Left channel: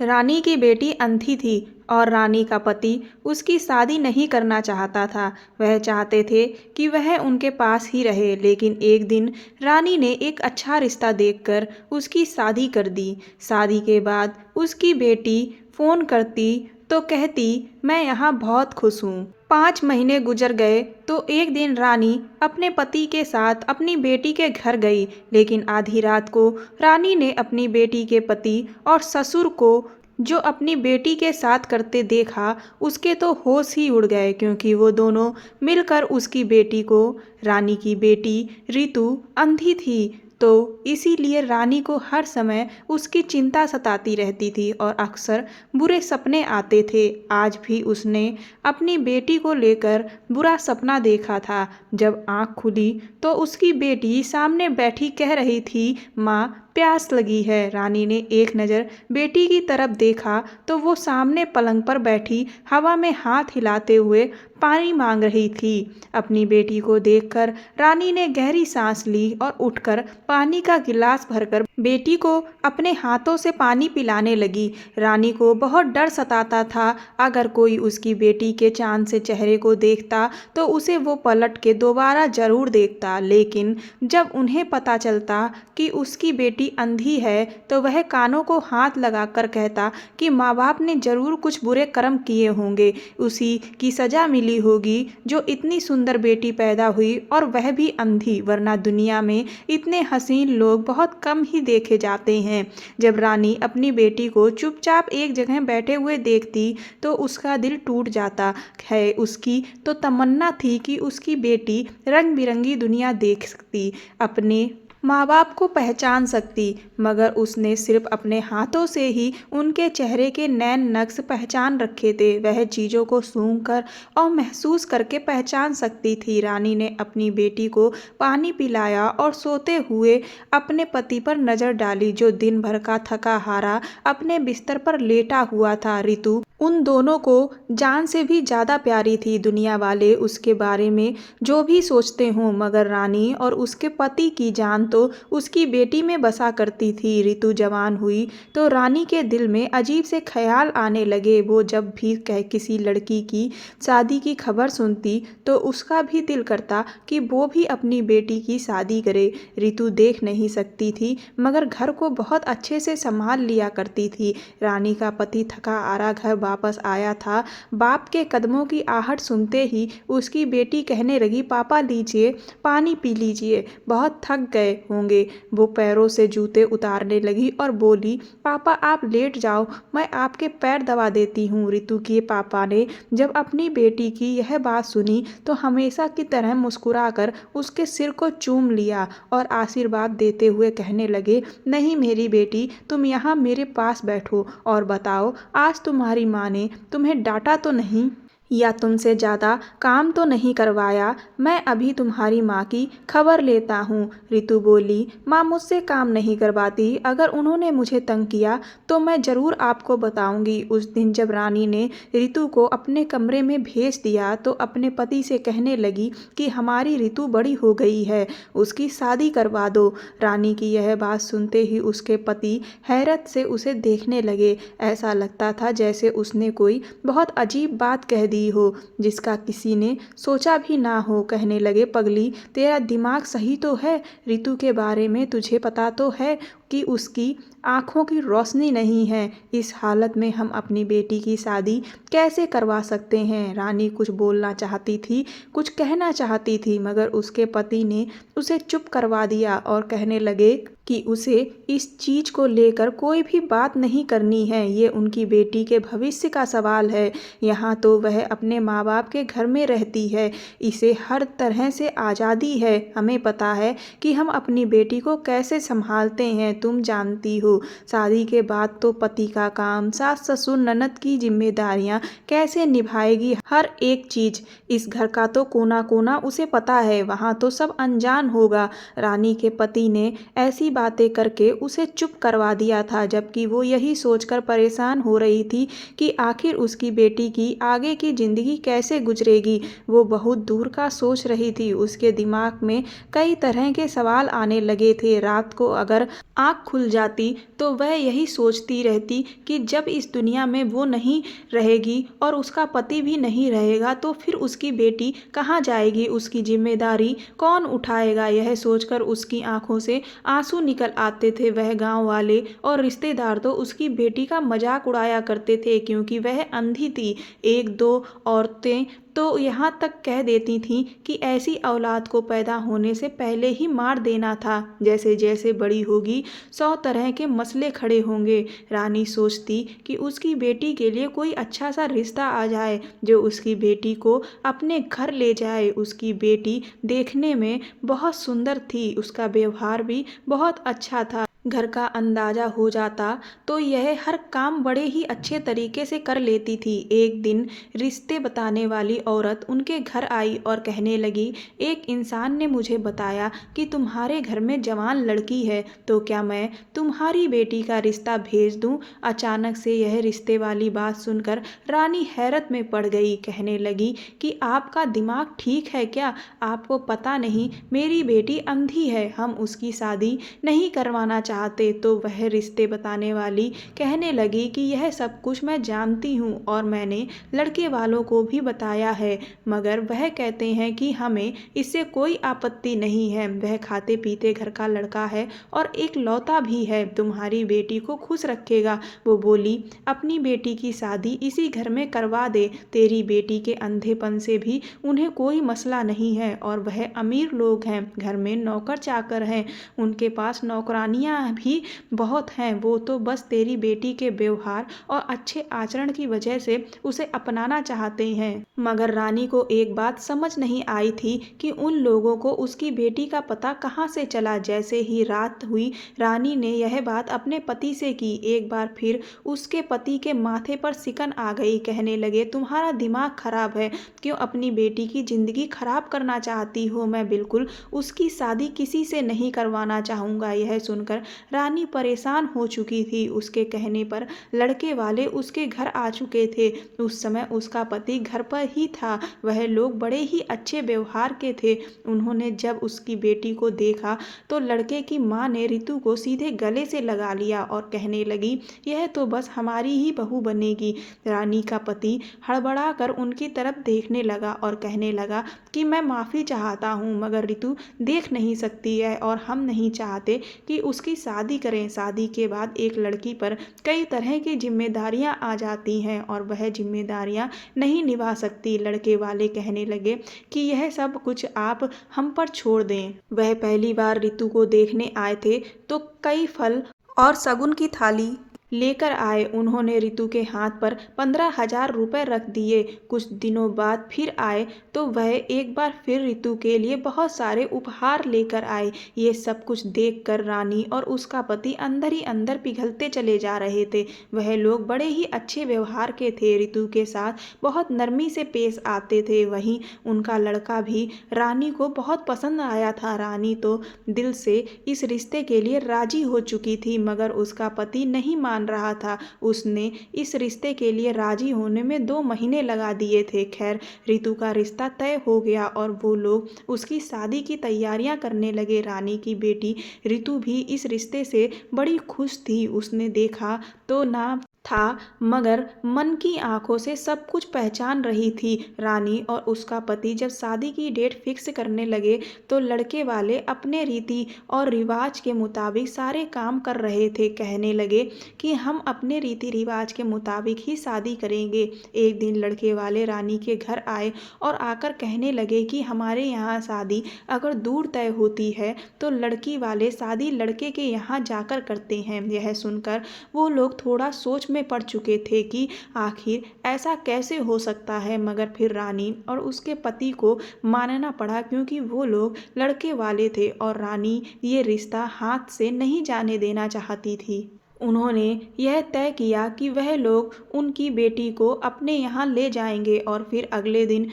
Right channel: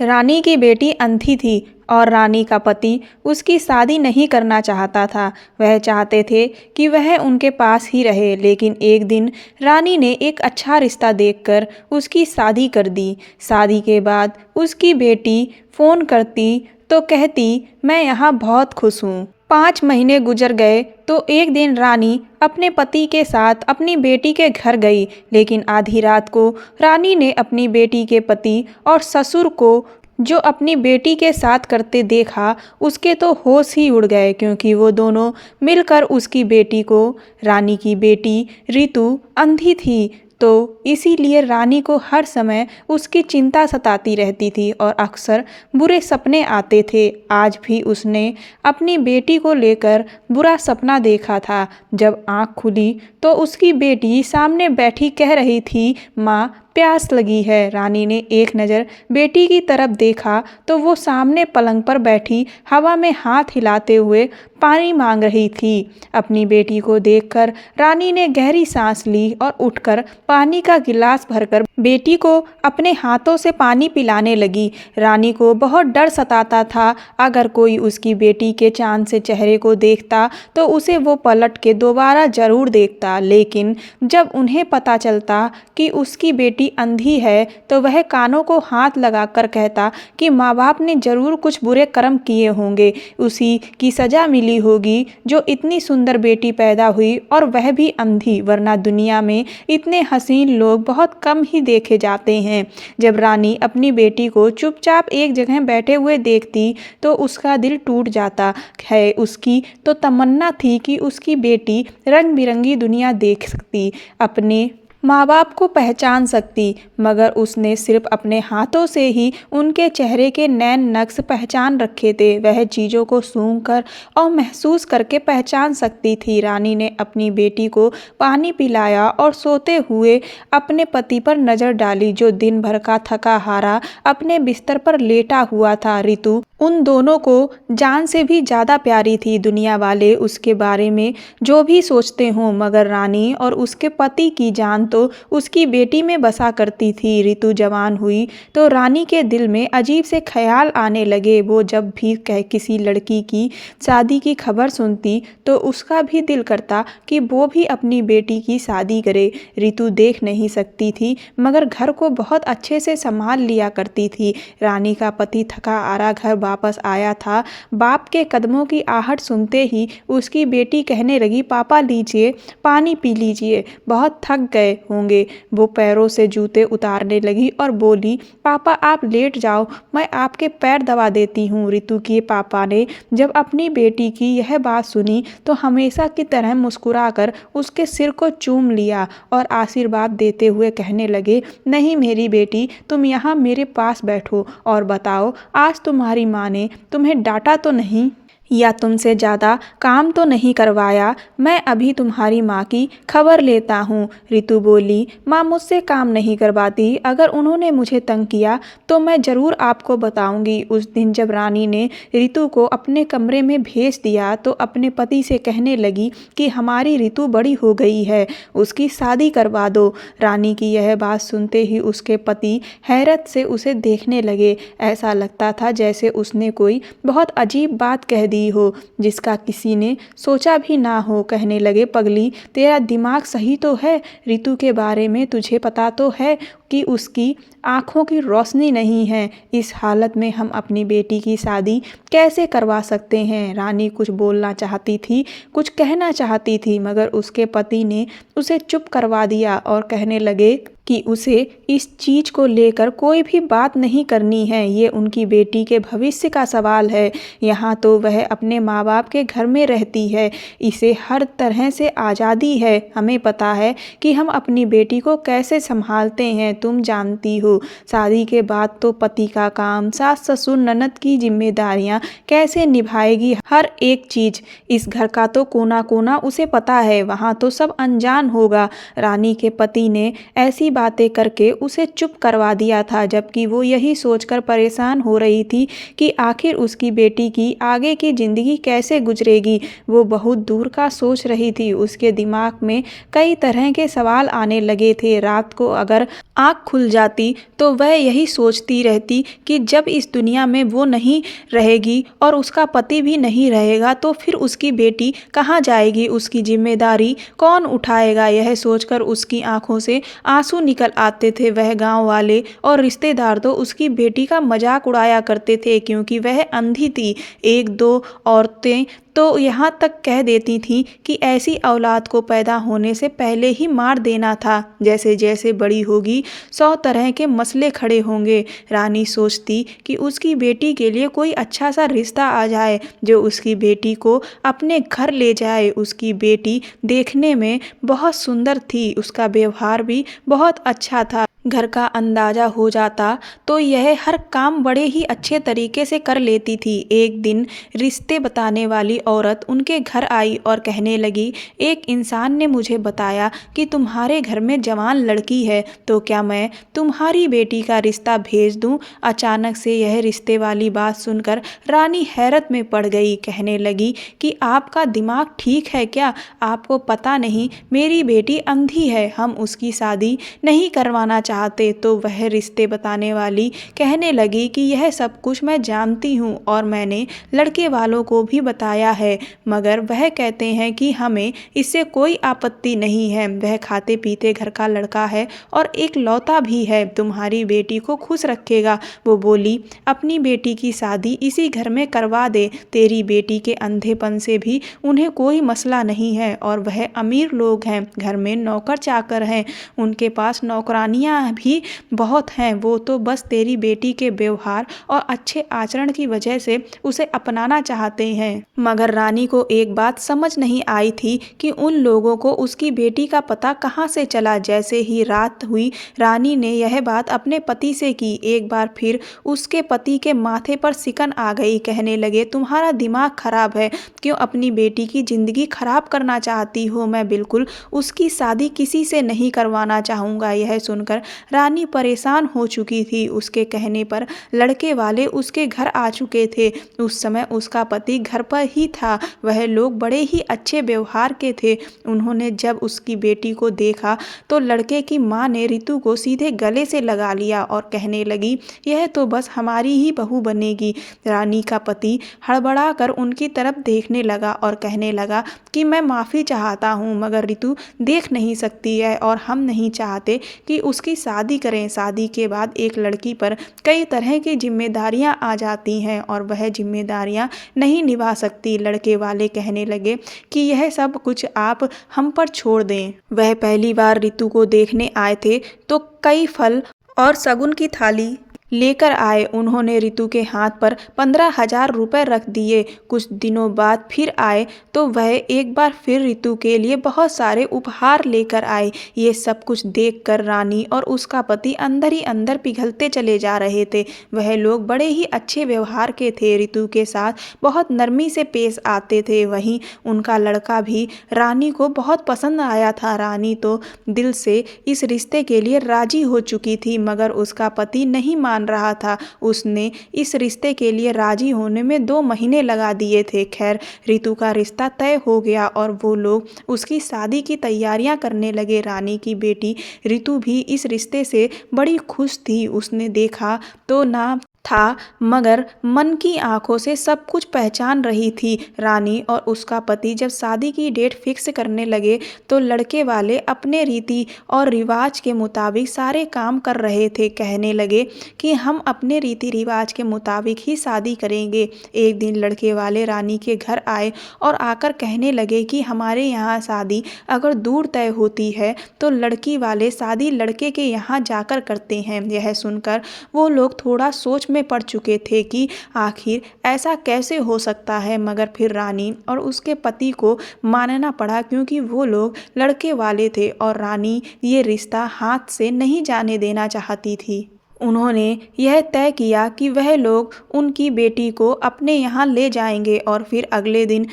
रानी की बेटी अंधी थी और रानी का पति उसकी शादी नहीं करना चाहता था। वह चाहते थे कि वह उनके पास ही रहे, लेकिन एक दिन रानी ने एक अच्छा रिश्ता देखकर उसकी शादी कर दी। शादी के बाद उसकी बेटी फ़ोन करती तो कहती, मैं यहाँ बहुत खुश हूँ। 5 महीने गुजर गए तो एक दिन रानी अपने पति के साथ अपनी बेटी के घर गई, लेकिन आधी रात को रानी ने अपनी बेटी के पति और ससुर को जो अपनी बेटी के साथ करते देखा, उसके तो होश ही उड़ गए, क्योंकि वो दोनों मिलकर उसकी बेटी को, रानी की बेटी रितु अंधी थी, तो इसीलिए रानी को हर समय उसकी चिंता सताती रहती थी और अक्सर बुरे सपने आते थे। आज भी उसने अपनी बेटी को लेकर बुरा सपना देखा था। जब आँख खुली तो उसकी बेटी सामने बैठी कह रही थी, माँ प्यास लगी है। रानी ने एक नज़र बेटी की तरफ देखा तो वो सामने पलंग पर बैठी हवा में हाथ हिलाते हुए पानी मांग रही थी। अपनी बेटी को देखकर रानी ने गहरी सांस ली और उठकर पानी का गिलास भरकर बेटी को अपने हाथों से पानी पिलाने लगी। रानी को बहुत डर सताता था, अगर कोई उसकी बेटी के चांद से चेहरे को देखता तो उसे वो पलट के दोबारा ज़रूर देखता, लेकिन जब उन्हें पता चलता कि उसकी बेटी अंधी है तो वह कानों को हाथ लगाकर कहता कि माँ बाप ने ज़रूर कुछ बुरे कर्म किए होंगे, उसी की सज़ा मिली होगी जो इतनी सुंदर बेटी पैदा हुई और वह भी अंधी, वरना दुनिया में इतने हसीन लोग बहुत कम ही देखे जाते हैं। जब रानी अपनी बेटी को चुपचाप एक जगह बैठे हुए देखती तो उसका दिल टूट जाता है। उसकी तो तमन्ना थी कि उसकी बेटी रंग बिरंगी दुनिया देख सकती, अपने माँ बाप को पहचान सकती, मगर उसने सिर्फ अपने हाथों से ही उनके चेहरे के नैन नक्श पहचान रखे थे। वह चीज़ों को सूंघकर और महसूस करके पहचान सकती थी। रानी ने अपनी बेटी को पानी पिलाया और सोते हुए अपने पति पर नज़र डाली, जो दिन भर का थका हारा अपने बिस्तर पर लेटा हुआ था। रितु उन दोनों को जान से भी ज़्यादा प्यारी थी। दुनिया वाले उसके बारे में जो भी सोचते हों, मगर रानी और उसके पति की जान तो उसकी बेटी में बसा करती थी। रितु जवान हुई तो रानी के दिल में अजीब से ख्याल आने लगे। वो जब भी किसी लड़की की शादी की खबर सुनती तो उसका भी दिल करता कि वो भी अपनी बेटी की शादी करे। रितु देख नहीं सकती थी, मगर घर को बहुत अच्छे से संभाल लिया करती थी। रानी का पति थका हारा घर वापस आया था। बाप के कदमों की आहट सुनते ही उसकी बेटी कहने लगी, पापा लीजिए, पानी पी लीजिए, बहुत थक गए होंगे। वो पैरों से जूते उतारने लगी और बोली, पापा आप लेट जाओ, मैं आपके पैर दबा देती हूँ। रितु के पापा ने जब अपनी बेटी की यह बात सुनी तो हमेशा की तरह मुस्कुराकर उसके सिर को चूम लिया और आशीर्वाद देते हुए कहने लगे, नहीं मेरी बेटी, तुम यहाँ मेरे पास बैठो और बताओ, आज तुम्हारी माँ ने तुम्हें डांटा तो नहीं या तुमसे ज़्यादा काम तो नहीं करवाया? मैं अभी तुम्हारी माँ की खबर लेता हूँ। रितु बोली, माँ मुझसे काम नहीं करवाती, अगर उन्होंने मुझे तंग किया तो मैं ज़रूर आपको बताऊँगी। उस दिन जब रानी ने रितु को अपने कमरे में भेज दिया तो अपने पति से कहने लगी कि हमारी रितु बड़ी हो गई है, उसकी शादी करवा दो। रानी की यह बात सुनते ही उसके पति हैरत से उसे देखने लगे। ऐसा लगता था जैसे उसने कोई बहुत अजीब बात कह दी हो जिसका किसी ने सोचा भी ना हो। कहने लगे, पगली तेरा दिमाग सही तो है? रितु के बारे में तुझे पता तो है कि उसकी आँखों की रोशनी नहीं है। इस हालत में हम अपनी बेटी की शादी कैसे करवा सकते हैं? रानी कुछ बोलना चाहती थी, कुछ कहना चाहती थी, मगर उसके पति ने उसे चुप करवा दिया और कहने लगे कि उसे इस चीज़ को लेकर कोई भी बात नहीं करनी है। ये उनकी बेटी के भविष्य का सवाल है। यहाँ तो वह अपने माँ बाप के घर में रहती है, इसे हर तरह से आज़ादी है। हमें पता है कि हम अपनी बेटी को कैसे संभालते हैं। तुम जानती हो, शादी के बाद तो पति का काम, सास ससुर ननद की जिम्मेदारियाँ कैसे निभाएगी, हर एक चीज़। इस घर का तो कोना कोना उसे पता है, वहाँ तो सब अनजान होगा। रानी के पति ने ऐसी बातें करके उसे चुप करवा दिया था, जबकि वो यही सोचकर परेशान हो रही थी कि आखिर उसकी बेटी की आगे की ज़िंदगी कैसे गुजरेगी। वो बहुत दूर का सोच रही थी। उसके दिमाग में कई तरह के सवाल आने लगे थे। रात को अगर आँख खुल जाती तो वह यही सोचती रहती कि जब इस दुनिया में वो नहीं रहेगी और उसका पति भी नहीं रहेगा तो फिर उसकी बेटी कहाँ जाएगी, उसकी जिम्मेदारी कौन उठाएगा। यह सोचकर उसकी आंखों से आंसू निकल आते थे। वह गांव वाले और रिश्तेदार तो उसकी बेटी का मजाक उड़ाया करते थे क्योंकि वह अंधी थी। एक दो औरतें तो यहाँ तक कह देती थीं कि ऐसी औलाद को पैदा होने से पहले ही मार देना था। जैसे जैसे बड़ी होगी 100 तरह के मसले खड़े होंगे। रानी सोचती कि उसकी बेटी के लिए कोई अच्छा सा रिश्ता आ जाए जो उसकी बेटी को अपने घर ले जाए। उसकी बेटी देखने में बहुत सुंदर थी, उसका व्यवहार भी बहुत अच्छा था। घर का अंदाजा हो जाता तो यह हर काम बड़े ही अच्छे तरीके से कर लेती थी। एक दिन रिश्ते बताने वाली औरत उनके घर आई और कहने लगी, एक इंसान ने मुझे बताया कि तुम्हारे घर में जवान लड़की है, तो क्या मैं तुम्हारी बेटी का रिश्ता भेज दूं। अचानक से यह रिश्ते वाली बात सुनकर रानी हैरत में पड़ गई। कहने लगी कि आपका दिमाग ठीक है क्या? आपको पता नहीं मेरी बेटी अंधी है, हम उसकी शादी नहीं करवाना चाहते। तो वह रिश्ते बताने वाली कहने लगी कि यह सब कुछ मैं जानती हूँ और मैंने लड़के वालों को भी बताया है, मगर वह कहते हैं कि हमें इससे कोई आपत्ति नहीं है। वह खाते पीते घर का लड़का है और एक लौता भी है, तुम्हारी बेटी को खुश रखेगा। वो बोली, अपनी बेटी की शादी इसी घर में करवा दे। तेरी बेटी के अंधेपन से भी उन्हें कोई मसला नहीं है और वह अमीर लोग हैं, घर में नौकर चाकर हैं, उनके पास नौकरानियां भी बहुत हैं। वो तो बस तेरी बेटी के व्यवहार और अच्छे आचरण की वजह से उसे अपनाना चाहते हैं। मगर रानी को एक बात समझ नहीं आई थी कि उन लोगों को उसकी बेटी का पता कहाँ से चला। जैसे ही रात हुई रानी ने यह बात अपने पति से की। एक बार फिर उसके पति के माथे पर सिकन आ गई। कहने लगे, तुम्हारा दिमाग खराब है, क्यों अपनी बेटी की जिंदगी खराब करना चाहती हो। मैं बिल्कुल उसकी शादी किसी से नहीं करवाना चाहूँगा। यह सुनकर रानी परेशान हो चुकी थी। उसके कहने पर लड़के वाले उसके घर आ चुके थे। उस समय उसका पति घर पर ही था। वह लोग बड़े ही अच्छे व्यवहार के थे। उन्होंने जब उसकी बेटी को देखा तो लड़के की माँ ने रितु को सीधे गले से लगा लिया और कहने लगी, यह तो बस हमारी ही बहू बनेगी। रानी का पति हड़बड़ा कर उनकी तरफ देखने लगा और कहने लगा कि मैं माफ़ी चाहता हूँ, मगर रितु देख नहीं सकती है और हम नहीं चाहते कि उसकी शादी करें। शादी के बाद एक लड़की पर कई तरह की जिम्मेदारियां आ जाती हैं और वह जिम्मेदारियां नहीं निभा सकती। लड़के वाले कहने लगे कि यह सब कुछ आप हम पर छोड़ दें। वह पहली बार रितु को देखने आए थे तो कई फल और शगुन की थाली लेकर आए। उन्होंने रितु के हाथ पर 15,000 रुपये रख दिए। कुछ दिनों बाद फिर आए तो वह एक बार फिर रितु के लिए बहुत सारे उपहार लेकर आए। ये सब कुछ देखकर रानी और उसका पति अंदर ही अंदर पिघलते चले जा रहे थे। वह लोग बड़े ही अच्छे व्यवहार के थे, रितु के साथ बहुत नरमी से पेश आते थे। वहीं उनका लड़का भी रानी को बहुत पसंद आया था। रानी तो दिल से इस रिश्ते के लिए राजी हो चुकी थी, मगर उसका पति नहीं मान रहा था। उसने इस रिश्ते के लिए राजी होने में 2 महीने लगा दिए थे। खैर, रितु का रिश्ता तय हो गया और वो लोग उसकी शादी की तैयारियां करने लगे। रानी की बेटी रितु भी इस रिश्ते से बड़ी खुश थी। उसने देखा तो ना था, मगर मन की आंखों से सब कुछ पहचान रही थी। रानी और उसका पति जब शादी की डेट फिक्स करने लगे तो लड़के वाले अपने रीति और रिवाज के मुताबिक सारे काम कर रहे थे। कहने लगे कि हम अपने रीति रिवाज के मुताबिक ही शादी करेंगे। एक दिन लड़के वाले रानी के घर आए और आकर कहने लगे कि हमारे यहाँ शादी अगर दूर तय होती है तो लड़की वाले शादी लड़के के यहाँ जाकर करते हैं। यह सुनकर वो लोग थोड़ा सोच में पड़ चुके थे कि आखिर ऐसा कैसे हो सकता है, मगर फिर रानी और उसके पति को मानना पड़ा क्योंकि वो लोग लड़के वाले थे और रानी ये रिश्ता हाथ से नहीं जाने देना चाहती थी। उन्होंने यह तय किया कि वह लोग उनकी बेटी को अपने यहाँ ले जाएंगे और फिर अगले दिन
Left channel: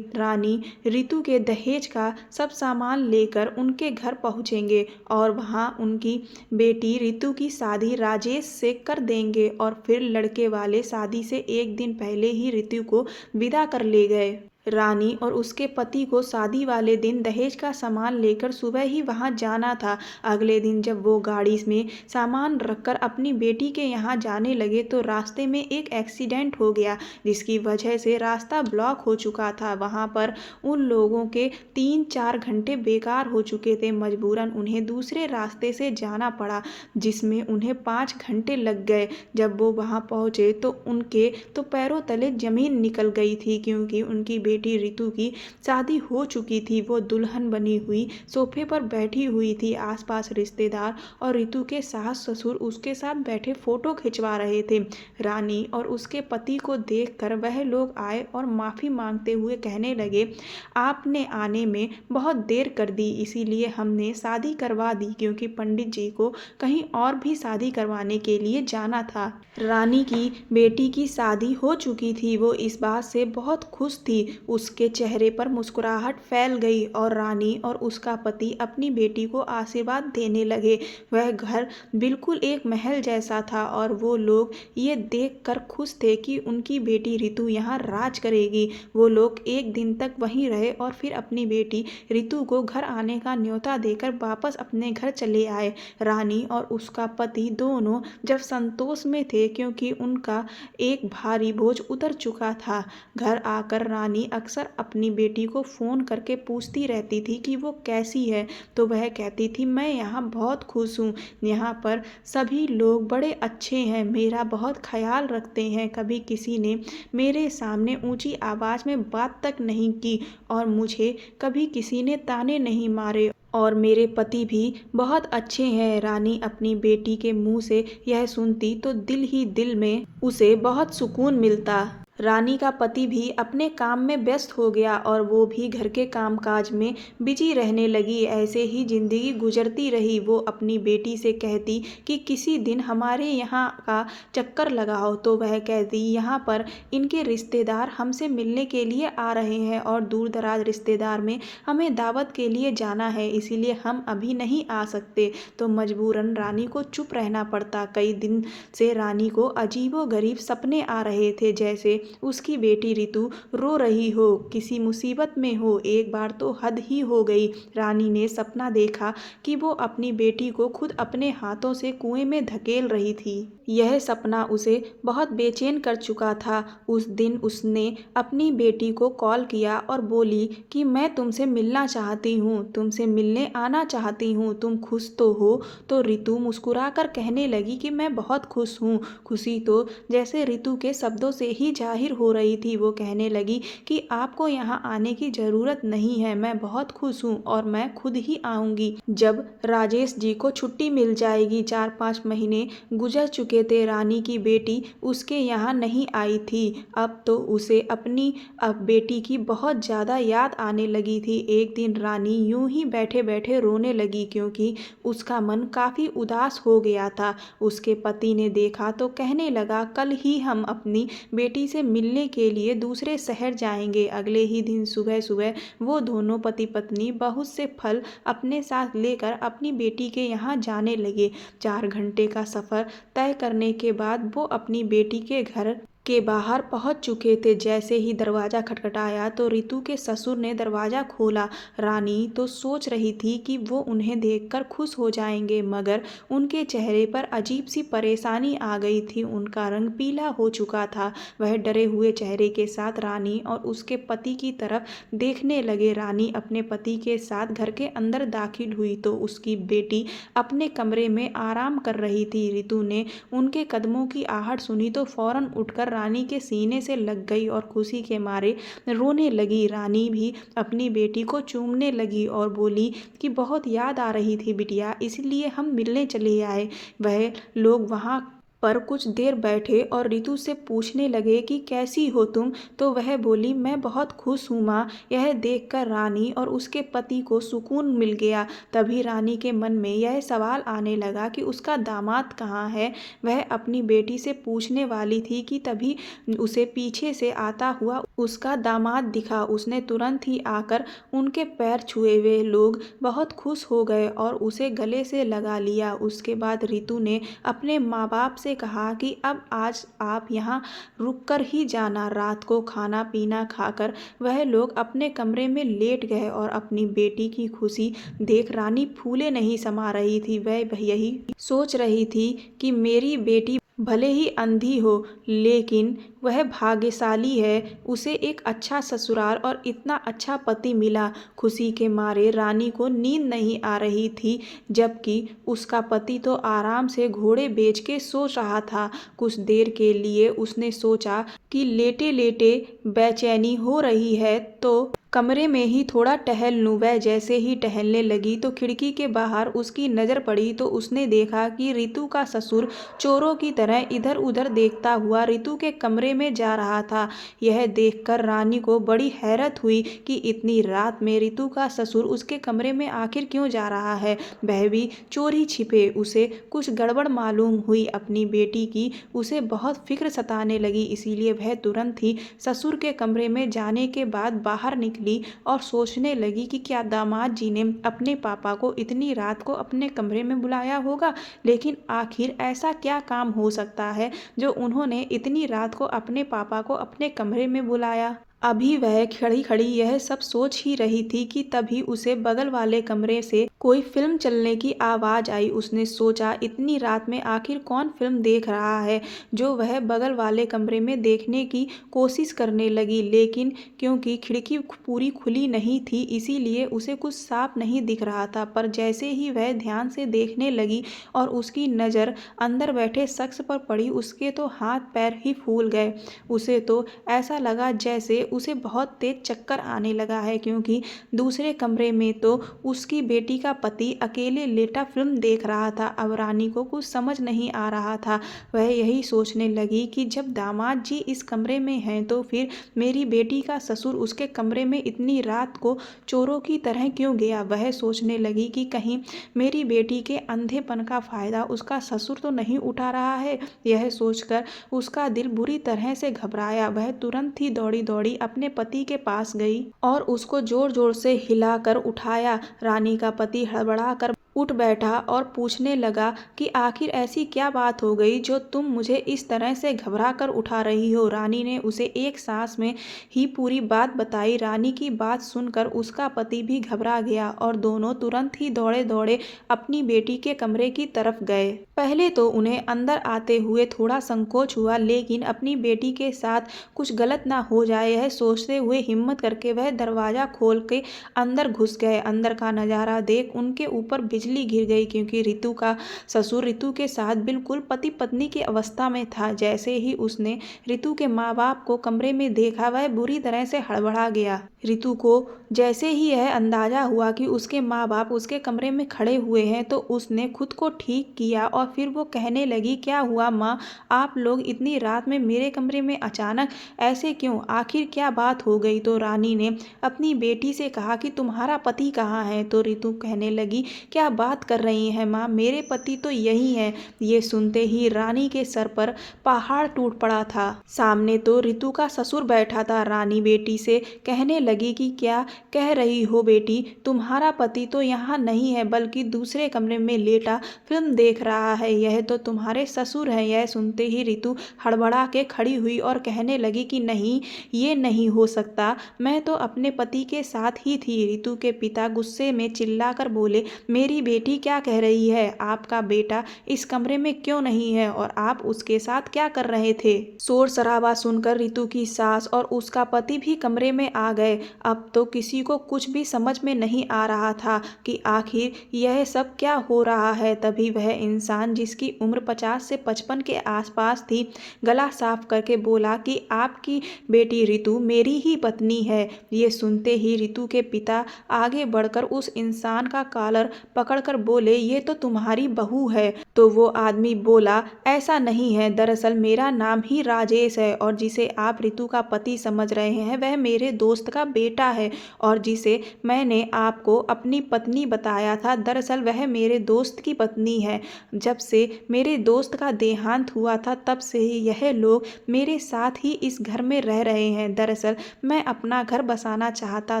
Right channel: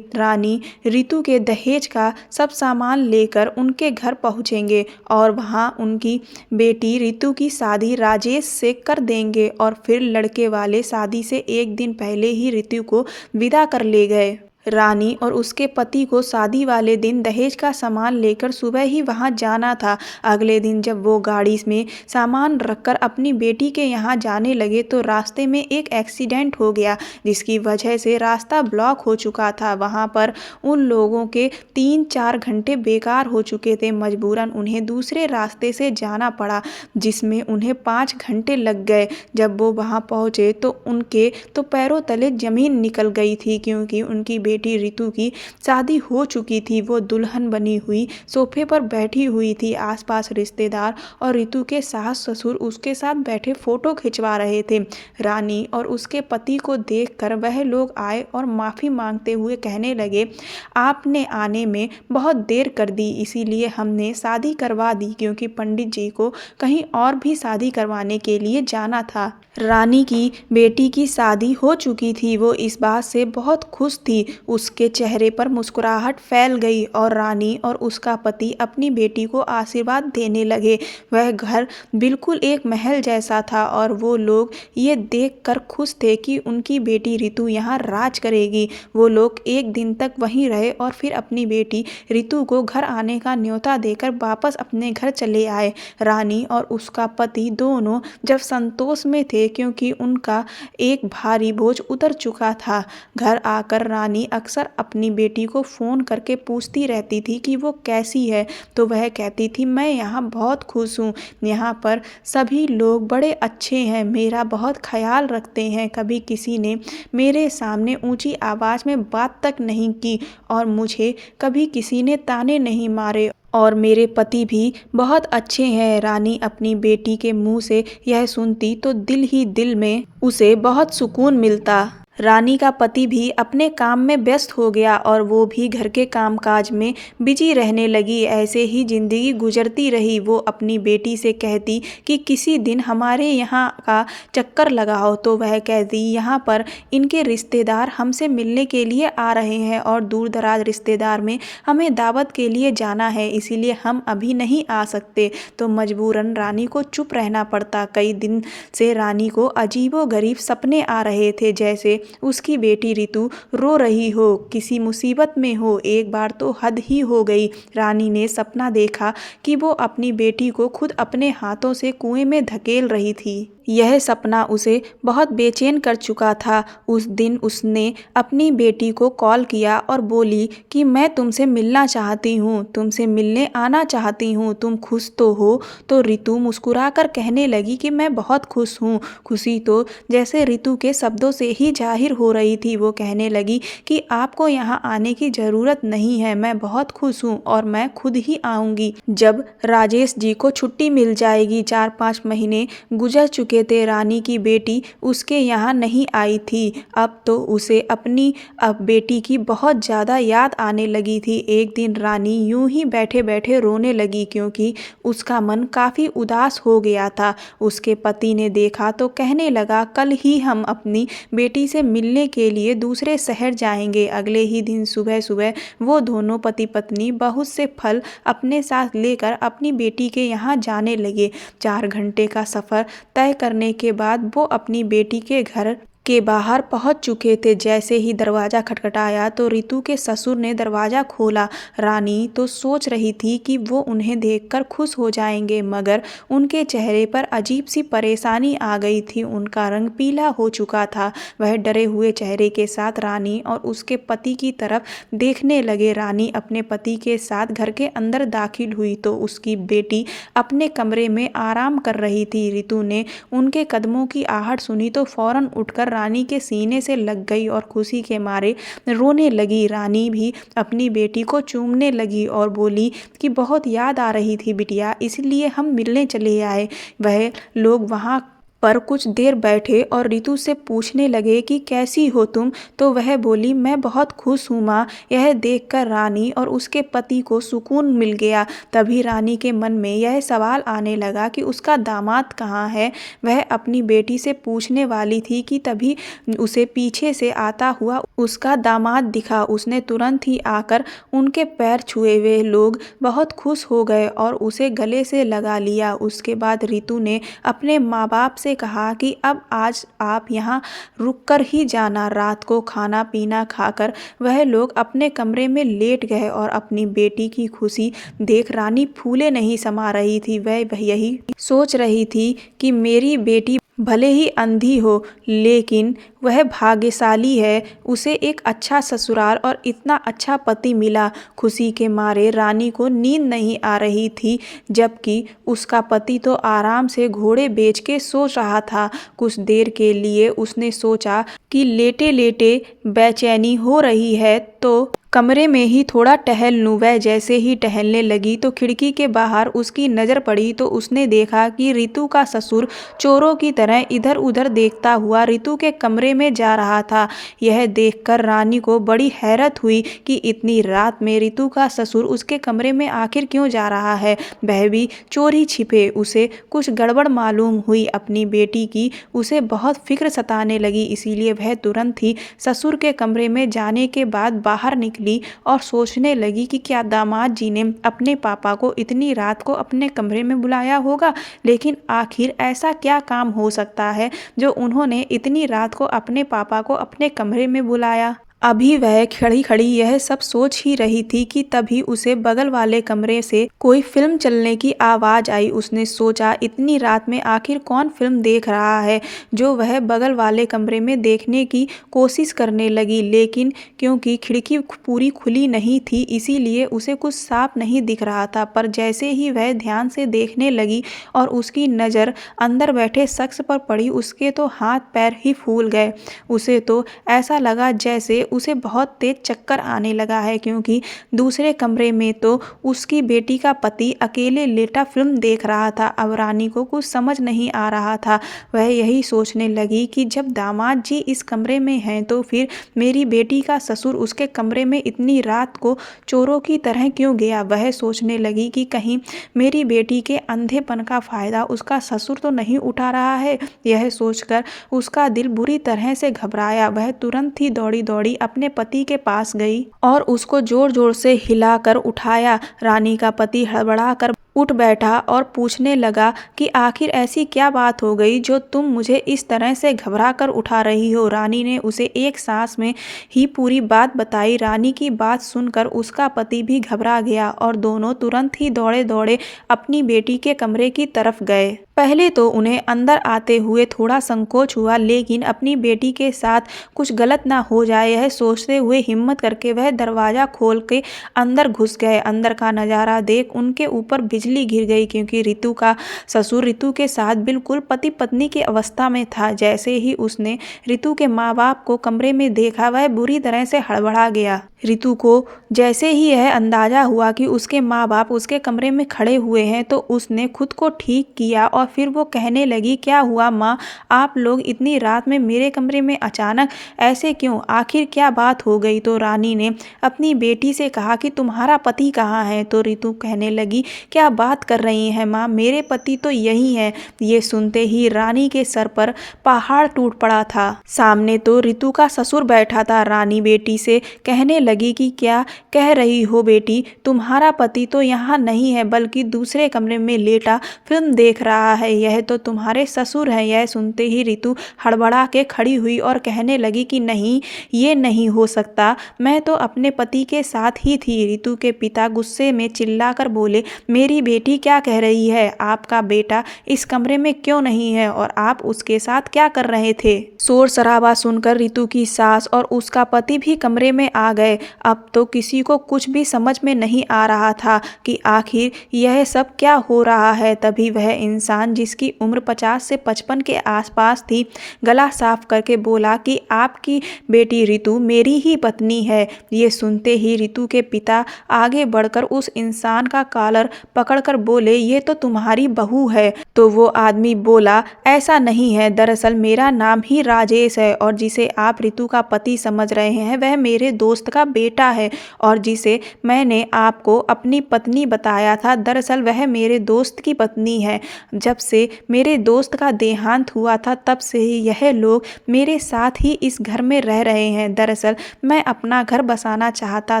रानी ऋतु के दहेज का सब सामान लेकर उनके घर पहुँचेंगे और वहाँ उनकी बेटी ऋतु की शादी राजेश से कर देंगे। और फिर लड़के वाले शादी से एक दिन पहले ही ऋतु को विदा कर ले गए। रानी और उसके पति को शादी वाले दिन दहेज का सामान लेकर सुबह ही वहां जाना था। अगले दिन जब वो गाड़ी में सामान रखकर अपनी बेटी के यहाँ जाने लगे तो रास्ते में एक एक्सीडेंट हो गया, जिसकी वजह से रास्ता ब्लॉक हो चुका था। वहां पर उन लोगों के 3-4 घंटे बेकार हो चुके थे। मजबूरन उन्हें दूसरे रास्ते से जाना पड़ा, जिसमें उन्हें 5 घंटे लग गए। जब वो वहां पहुंचे तो उनके तो पैरों तले जमीन निकल गई थी, क्योंकि उनकी बेटी ऋतु की शादी हो चुकी थी। वो दुल्हन बनी हुई सोफे पर बैठी हुई थी। आसपास रिश्तेदार और ऋतु के सास ससुर उसके साथ बैठे फोटो खिंचवा रहे थे। रानी और उसके पति को देखकर वह लोग आए और माफ़ी मांगते हुए कहने लगे, आपने आने में बहुत देर कर दी, इसीलिए हमने शादी करवा दी, क्योंकि पंडित जी को कहीं और भी शादी करवाने के लिए जाना था। रानी की बेटी की शादी हो चुकी थी। वो इस बात से बहुत खुश थी। उसके चेहरे पर मुस्कुराहट फैल गई और रानी और उसका पति अपनी बेटी को आशीर्वाद देने लगे। वह घर बिल्कुल एक महल जैसा था और वो लोग ये देखकर खुश थे कि उनकी बेटी ऋतु यहाँ राज करेगी। वो लोग एक दिन तक वहीं रहे और फिर अपनी बेटी ऋतु को घर आने का न्योता देकर वापस अपने घर चले आए। रानी और उसका पति दोनों जब संतोष में थे, क्योंकि उनका एक भारी बोझ उतर चुका था। घर आकर रानी अक्सर अपनी बेटी को फ़ोन करके पूछती रहती थी कि वो कैसी है, तो वह कहती थी, मैं यहाँ बहुत खुश हूँ, यहाँ पर सभी लोग बड़े अच्छे हैं, मेरा बहुत ख्याल रखते हैं, कभी किसी ने मेरे सामने ऊंची आवाज़ में बात तक नहीं की और मुझे कभी किसी ने ताने नहीं मारे और मेरे पति भी बहुत अच्छे हैं। रानी अपनी बेटी के मुंह से यह सुनती तो दिल ही दिल में उसे बहुत सुकून मिलता। रानी का पति भी अपने काम में व्यस्त हो गया और वो भी घर के कामकाज में बिजी रहने लगी। ऐसे ही जिंदगी गुजरती रही। वो अपनी बेटी से कहती कि किसी दिन हमारे यहाँ का चक्कर लगाओ, तो वह कहती, यहाँ पर इनके रिश्तेदार हमसे मिलने के लिए आ रहे हैं और दूर दराज रिश्तेदार में हमें दावत के लिए जाना है, इसीलिए हम अभी नहीं आ सकते। तो मजबूरन रानी को चुप रहना पड़ता। कई दिन से रानी को अजीबोगरीब सपने आ रहे थे, जैसे उसकी बेटी ऋतु रो रही हो, किसी मुसीबत में हो। एक बार तो हद ही हो गई। रानी ने सपना देखा कि वो अपनी बेटी को खुद अपने हाथों से कुएं में धकेल रही थी। यह सपना उसे बहुत बेचैन कर चुका था। उस दिन उसने अपनी बेटी को कॉल किया और बोली कि मैं तुमसे मिलना चाहती हूँ, तुमसे मिलने आना चाहती हूँ, तुम खुश तो हो? तो ऋतु मुस्कुराकर कहने लगी कि मैं बहुत खुश हूँ। खुशी तो जैसे ऋतु के शब्दों से ही जाहिर हो रही थी। वो कहने लगी कि आपको यहाँ आने की ज़रूरत नहीं है, मैं बहुत खुश हूँ और मैं खुद ही आऊँगी जब राजेश जी को छुट्टी मिल जाएगी। 4-5 महीने गुजर चुके थे। रानी की बेटी उसके यहाँ नहीं आई थी। अब तो उसे अपनी बेटी की बहुत ज़्यादा याद आने लगी थी। एक दिन रानी यूं ही बैठे बैठे रोने लगी, क्योंकि उसका मन काफ़ी उदास हो गया था। उसके पति ने देखा तो कहने लगा, कल ही हम अपनी बेटी से मिलने के लिए दूसरे शहर जाएंगे। अगले ही दिन सुबह सुबह वो दोनों पति पत्नी बहुत से फल अपने साथ लेकर अपनी बेटी के यहाँ जाने लगे। 4 घंटे का सफ़र तय करने के बाद वो अपनी बेटी के घर के बाहर पहुंच चुके थे। जैसे ही दरवाज़ा खटखटाया तो ऋतु के ससुर ने दरवाज़ा खोला। रानी तो सोच रही थी कि वो उन्हें देखकर खुश हो जाएंगे, मगर उनके चेहरे पर अजीब सी परेशानी आ गई थी। उनका रंग पीला हो चुका था। वह डरे हुए चेहरे के साथ रानी और उसके पति की तरफ देखने लगे। रानी अपने पति के साथ घर के अंदर दाखिल हुई तो उसकी बेटी अपने कमरे में आराम कर रही थी। ऋतु ने उनके कदमों की आहट सुनी तो फौरन उठकर रानी के सीने से लग गई और खुशी के मारे रोने लगी। रानी भी अपनी बेटी को चूमने लगी और बोली कि बहुत याद आ रही थी बिटिया, इसलिए हम मिलने चले आए। वह लोग वहाँ पर कुछ देर बैठे और रितु से पूछने लगे कि कैसी हो तुम, तो वह बोली, मैं बहुत खुश हूँ माँ। यह देखकर रानी और उसके पति को सुकून मिल गया। तभी रानी के मन में यह सवाल आने लगा कि उसका दामाद कहाँ है। वह अपनी बेटी से पूछने वाली थी कि तभी उसे पीछे से आता हुआ उसका दामाद दिखा। उसने तुरंत ही आकर उनके पैर छुए। वे लोग बहुत खुश हो गए और उसे गले से लगा लिया। उसके बाद रितु ने अपने माँ बाप से कहा कि अब आज आप यहाँ रुककर ही जाना। रात को खाना पीना खाकर वह लोग अपने कमरे में लेट गए और अपनी बेटी की खुशी देख रानी फूले नहीं समा रही थी। वह यही सोच रही थी कि मेरी बेटी भले ही अंधी हो, लेकिन वह भाग्यशाली है। उसे एक अच्छा ससुराल और इतना अच्छा पति मिला। खुशी के मारे रानी को नींद नहीं आ रही थी, जबकि उसका पति तो आराम से घोड़े बेच के सो रहा था। कुछ देर के लिए उसने सोचा कि लेटे लेटे बेचैनी हो रही है तो कमरे में ही थोड़ा टहल लूं। वह जैसे ही टहलने लगी तो खिड़की के बाहर उसकी नज़र पड़ी तो उसने देखा कि रितु का ससुर चोरों की तरह इधर उधर देखता हुआ रितु के कमरे में जा रहा था। यह देखकर रानी को बड़ी हैरत हुई कि इतनी रात में रितु का ससुर उसके कमरे में आखिर क्यों जा रहा है, वह भी चोरी छिपे। उसे कुछ गड़बड़ मालूम हुई अपनी बेटी की। उसे बहुत फिक्र सताने लगी, इसीलिए वह तुरंत ही ससुर के कमरे में जाने के बाद बाहर निकली और सोचने लगी कि क्या दामाद जी ने अपने पापा को इतनी रात को अपने कमरे में बुलाया होगा। लेकिन आखिर ऐसा क्या काम हो सकता है जो उन्होंने इतनी रात को अपने पापा को अपने कमरे में बुलाया। अभी वह खड़ी खड़ी यह सब सोच ही रही थी कि तभी उसे बगल वाले कमरे से कोई फिल्म चलने की आवाज आई। उसने सोचा इतनी रात में आखिर कौन फिल्म देख रहा है, जो वह बगल वाले कमरे में देखने की कोशिश करने लगी। लेकिन क्योंकि खिड़की पूरी खुली नहीं थी, इसीलिए उसे कुछ साफ नहीं दिख रहा था। पर जैसे ही वह ध्यान से देखने लगी और उसकी नज़र अंदर बैठे शख्स पर पड़ी, उसके तो हाथ पैर ही फूल गए। उसे तो ऐसा लगा जैसे उसे बहुत तेज चक्कर आने लगा है, क्योंकि दूसरे कमरे में तो उसकी बेटी का पति अकेले लेटा फिल्म देख रहा था। अब रानी को कुछ समझ नहीं आ रहा था। वह यही सोचने लगी कि जब दामाद जी इस कमरे में हैं तो फिर मेरी बेटी का ससुर उसके कमरे में इतनी रात को चोरों की तरह क्यों गया। वह सोचने लगी कि कहीं मेरी बेटी के अंधेपन का फायदा उसका ससुर तो नहीं उठा रहा है। यह सोचकर उसका दिल बुरी तरह से घबराया। वह तुरंत ही दौड़ी दौड़ी अपने पति के पास गई और उसको जोर जोर से हिलाकर उठाया। रानी का पति हड़बड़ाकर उठ बैठा और पूछने लगा कि आखिर ऐसी क्या बात हो गई जो तुम मुझे इस तरह से घबरा कर उठा रही हो। रानी ने उसे एक सांस में ही पूरी बात बताई। रानी की बात सुनकर उसका पति भी घबरा गया और दोनों तुरंत ही दौड़े दौड़े अपनी बेटी के कमरे की तरफ गए। पहले तो उन्हें अंदर आते हुए थोड़ा संकोच हुआ, लेकिन अपनी बेटी के साथ कुछ गलत ना हो जाए यह सोचते हुए हिम्मत करके वह दरवाज़ा खोल के अंदर घुस गए। अंदर का नज़ारा देख उनके ऊपर बिजली गिर गई, क्योंकि रितु का ससुर रितु के साथ बिल्कुल पति पत्नी की अवस्था में था। जैसे ही उसने रितु के माँ बाप को कमरे में देखा, वह बुरी तरह से हड़बड़ा गया। रितु को जैसे ही यह अंदाज़ा हुआ कि उसके माँ बाप उसके कमरे में खड़े हुए हैं, तो उसने खुद को ठीक किया और फिर वो कहने लगी, क्या हुआ माँ, आप लोग इतनी रात में मेरे कमरे में अचानक ऐसे क्यों, आखिर क्या बात हो गई। तो रानी ने अपनी बेटी से कहा कि तुम्हारा पति कहाँ है। तो रितु कहने लगी, क्या बात कर रही हैं माँ, मेरे पति तो यही हैं। ये सुनते ही रानी के सर पर पहाड़ टूट पड़ा था। सामने तो रितु का ससुर बैठा था। रानी बेटी से कहने लगी कि क्या कह रही हो बेटी, तुम्हारा पति तो यहाँ नहीं है बल्कि दूसरे कमरे में लेटा फिल्म देख रहा है। यह तो तुम्हारे ससुर हैं। यह सुनते ही रितु हड़बड़ा के खड़ी हुई और कहने लगी कि नहीं, ये नहीं हो सकता, मैं तो अपने पति के साथ ही थी। रितु के पिता गुस्से में चिल्लाकर बोले, मेरी बेटी क्या कह रही है, आपका बेटा इस कमरे में क्यों नहीं है और आप उसके साथ क्या कर रहे थे। शोर शराबा सुनकर रितु की सास और उसका पति भी कमरे में आ गए। अब तो किसी को कुछ भी समझ में नहीं आ रहा था कि आखिर यह सब क्या हो रहा है। तभी वह इंसान जिसकी उम्र 50 से 55 के आसपास थी, गला साफ करके बोला कि आपकी बेटी रितु मेरी ही पत्नी है। ये सुनते ही रितु के पिता आगे बढ़कर उस इंसान का कॉलर पकड़ पकड़कर बोले, ये तो तुम्हारी बहू है। तो वो आदमी बोला, ऐसा नहीं है, दरअसल मेरा नाम ही राजेश है और जिसे आप रितु का पति समझ रहे हैं वह मेरे दोस्त का बेटा है और जिसे मैंने आपको अपनी पत्नी बताया था दरअसल वह मेरे दोस्त की पत्नी है। जब से मेरे दोस्त का देहांत हुआ था तब से ही यह लोग मेरे साथ ही इस घर में रह रहे हैं। दरअसल मैं अपना घर बसाना चाहता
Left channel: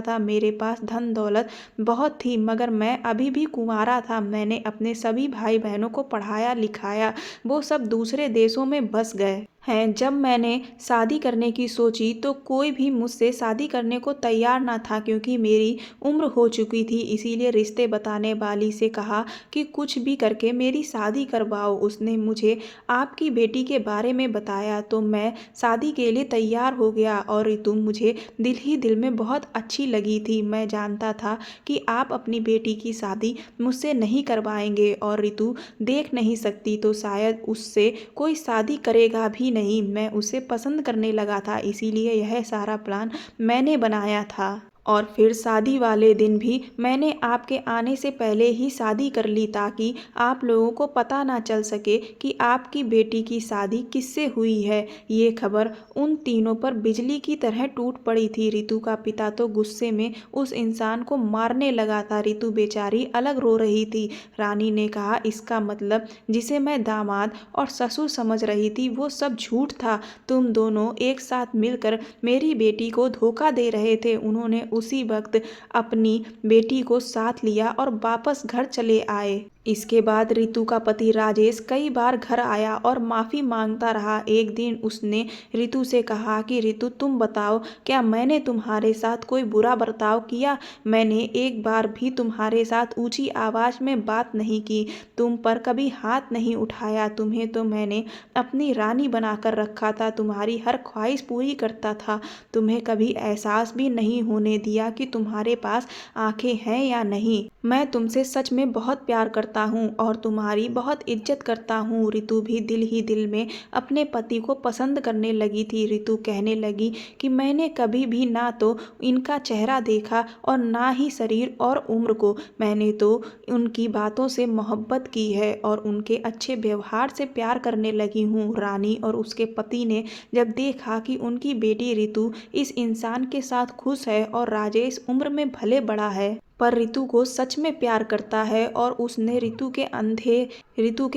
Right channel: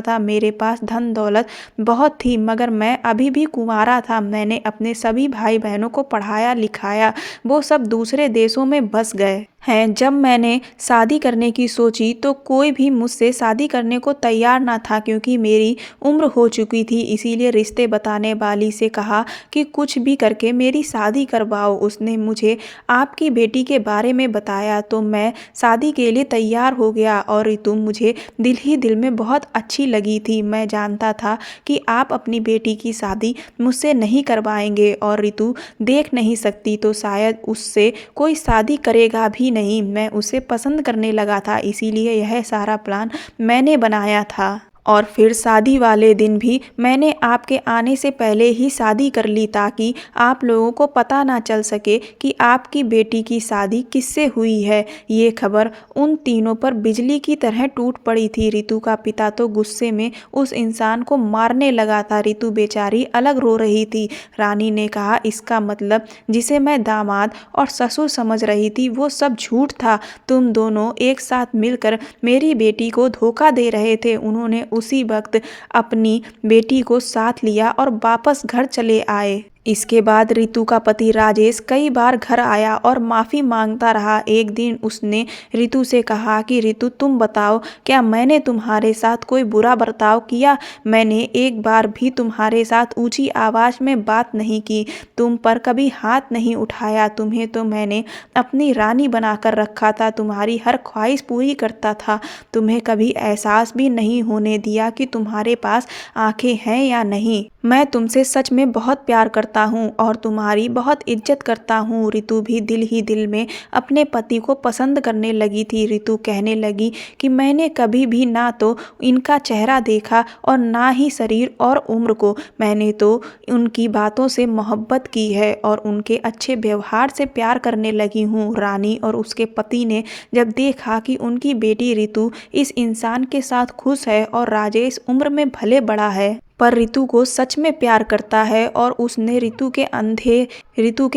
था, मेरे पास धन दौलत बहुत थी मगर मैं अभी भी कुंवारा था। मैंने अपने सभी भाई बहनों को पढ़ाया लिखाया, वो सब दूसरे देशों में बस गए हैं। जब मैंने शादी करने की सोची तो कोई भी मुझसे शादी करने को तैयार ना था क्योंकि मेरी उम्र हो चुकी थी। इसीलिए रिश्ते बताने वाली से कहा कि कुछ भी करके मेरी शादी करवाओ। उसने मुझे आपकी बेटी के बारे में बताया तो मैं शादी के लिए तैयार हो गया और रितु मुझे दिल ही दिल में बहुत अच्छी लगी थी। मैं जानता था कि आप अपनी बेटी की शादी मुझसे नहीं करवाएंगे और रितु देख नहीं सकती तो शायद उससे कोई शादी करेगा भी नहीं। मैं उसे पसंद करने लगा था, इसीलिए यह सारा प्लान मैंने बनाया था। और फिर शादी वाले दिन भी मैंने आपके आने से पहले ही शादी कर ली ताकि आप लोगों को पता ना चल सके कि आपकी बेटी की शादी किससे हुई है। ये खबर उन तीनों पर बिजली की तरह टूट पड़ी थी। रितु का पिता तो गुस्से में उस इंसान को मारने लगा था। रितु बेचारी अलग रो रही थी। रानी ने कहा, इसका मतलब जिसे मैं दामाद और ससुर समझ रही थी वो सब झूठ था। तुम दोनों एक साथ मिलकर मेरी बेटी को धोखा दे रहे थे। उन्होंने उसी वक्त अपनी बेटी को साथ लिया और वापस घर चले आए। इसके बाद रितु का पति राजेश कई बार घर आया और माफ़ी मांगता रहा। एक दिन उसने रितु से कहा कि रितु तुम बताओ, क्या मैंने तुम्हारे साथ कोई बुरा बर्ताव किया? मैंने एक बार भी तुम्हारे साथ ऊंची आवाज़ में बात नहीं की, तुम पर कभी हाथ नहीं उठाया। तुम्हें तो मैंने अपनी रानी बनाकर रखा था, तुम्हारी हर ख्वाहिश पूरी करता था। तुम्हें कभी एहसास भी नहीं होने दिया कि तुम्हारे पास आंखें हैं या नहीं। मैं तुमसे सच में बहुत प्यार करता हूँ और तुम्हारी बहुत इज्जत करता हूँ। रितु भी दिल ही दिल में अपने पति को पसंद करने लगी थी। रितु कहने लगी कि मैंने कभी भी ना तो इनका चेहरा देखा और ना ही शरीर और उम्र को, मैंने तो उनकी बातों से मोहब्बत की है और उनके अच्छे व्यवहार से प्यार करने लगी हूँ। रानी और उसके पति ने जब देखा कि उनकी बेटी रितु इस इंसान के साथ खुश है और राजेश उम्र में भले बड़ा है पर रितु को सच में प्यार करता है और उसने रितु के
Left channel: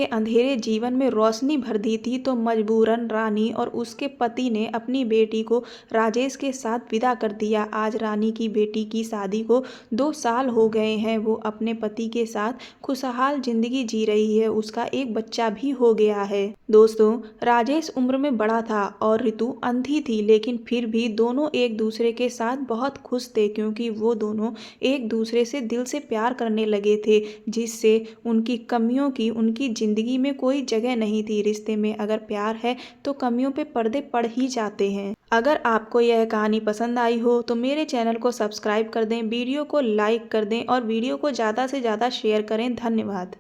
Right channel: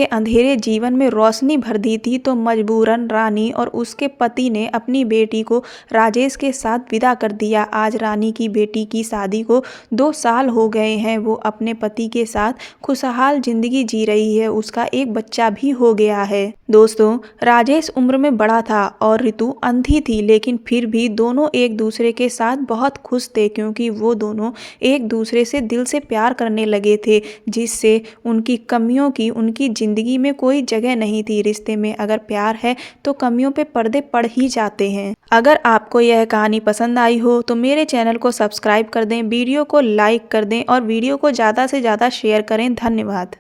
अंधेरे जीवन में रोशनी भर दी थी, तो मजबूरन रानी और उसके पति ने अपनी बेटी को राजेश के साथ विदा कर दिया। आज रानी की बेटी की शादी को 2 साल हो गए हैं। वो अपने पति के साथ खुशहाल जिंदगी जी रही है। उसका एक बच्चा भी हो गया है। दोस्तों, राजेश उम्र में बड़ा था और रितु अंधी थी, लेकिन फिर भी दोनों एक दूसरे के साथ बहुत खुश थे क्योंकि वो दोनों एक दूसरे से दिल से प्यार करने लगे थे, जिससे उनकी कमियों की उनकी जिंदगी में कोई जगह नहीं थी। रिश्ते में अगर प्यार है तो कमियों पे पर्दे पड़ ही जाते हैं। अगर आपको यह कहानी पसंद आई हो तो मेरे चैनल को सब्सक्राइब कर दें, वीडियो को लाइक कर दें और वीडियो को ज़्यादा से ज़्यादा शेयर करें। धन्यवाद।